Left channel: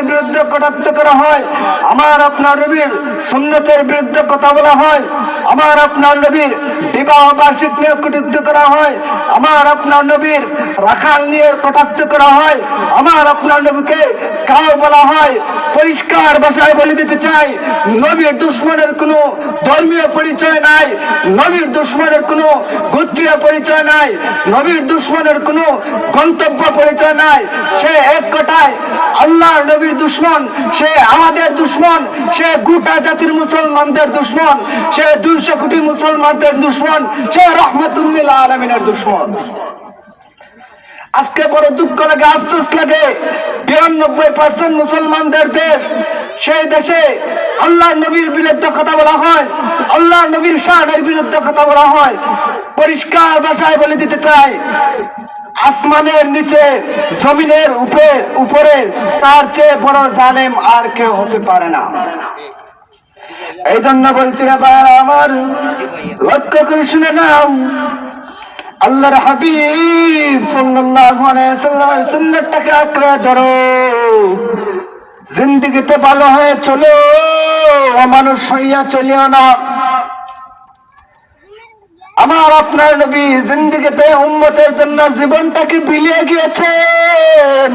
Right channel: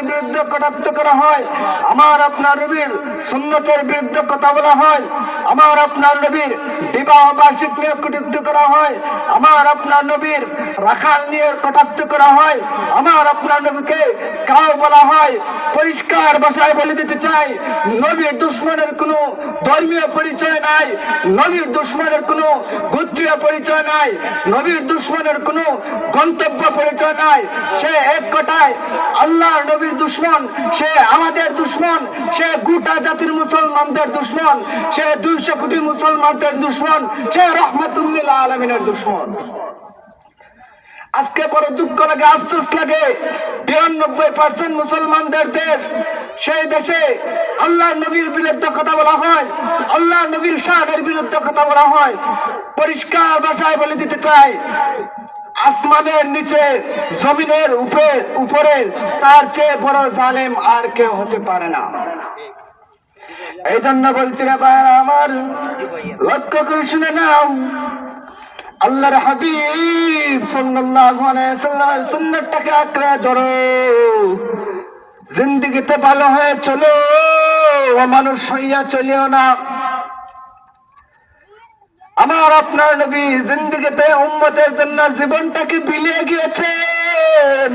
কোরআনের বিরুদ্ধে কটাক্ষ করা হয়, আমার আপনার নবীর সুন্নতের বিরুদ্ধে কথা বলা হয়, আমার আপনার নবীর বিবাহ বার্ষিক নিয়ে কটূক্তি করা হয়, আমার আপনার নবীর রাখাল নিয়ে কটাক্ষ করা হয়, আমার আপনার নবীকে কাউ বলা হয়, পরিষ্কার ভাষায় বলে দিতে চাই, নবীর দুশ্মনের কোনো ধর্মীয় পরিচয় নাই, নবীর দুশ্মনের কোনো গোত্রীয় পরিচয় নাই, নবীর দুশ্মনের কোনো গন্তব্য পরিচয় নাই। সে এক কথায় আল্লাহর নবীর দুশ্মন, সে আমাদের দুশ্মন, সে গোটা জাতির মুসলমানদের দুশ্মন, সে 200 কোটি মুসলমানদের দুশ্মন, সে রহমতুল্লিল আলামিনের দুশ্মন। আজকে বড় দুঃখ লাগে, আফসোস লাগে, 92% মুসলমানদের দেশ, সেই দেশে আল্লাহ নবীর বিরুদ্ধে কথা বলা হয়, আল্লাহ নবীর শানের বিরুদ্ধে কথা বলা হয়। পরিষ্কার ভাষায় বলে দিতে চাই, আসমানের নিচে জমিনের উপরে তার চেয়ে বড় জালেম আর কেউ হতে পারে না। এই জন্য বলছি না ভাইরা আমার, লক্ষ্য করে শুনে নাও, আল্লাহর হাবিব সাল্লাল্লাহু আলাইহি ওয়াসাল্লামের সুন্নাতটাকে আঁকড়ে ধরো, জিন্দেগিতে ভালো হয়ে চলো, মানুষ হইয়া চলিও না। আমার আপনার নবী জিন্দেগিতে উম্মতের জন্য জীবনটাকে বিলিয়ে গিয়েছেন।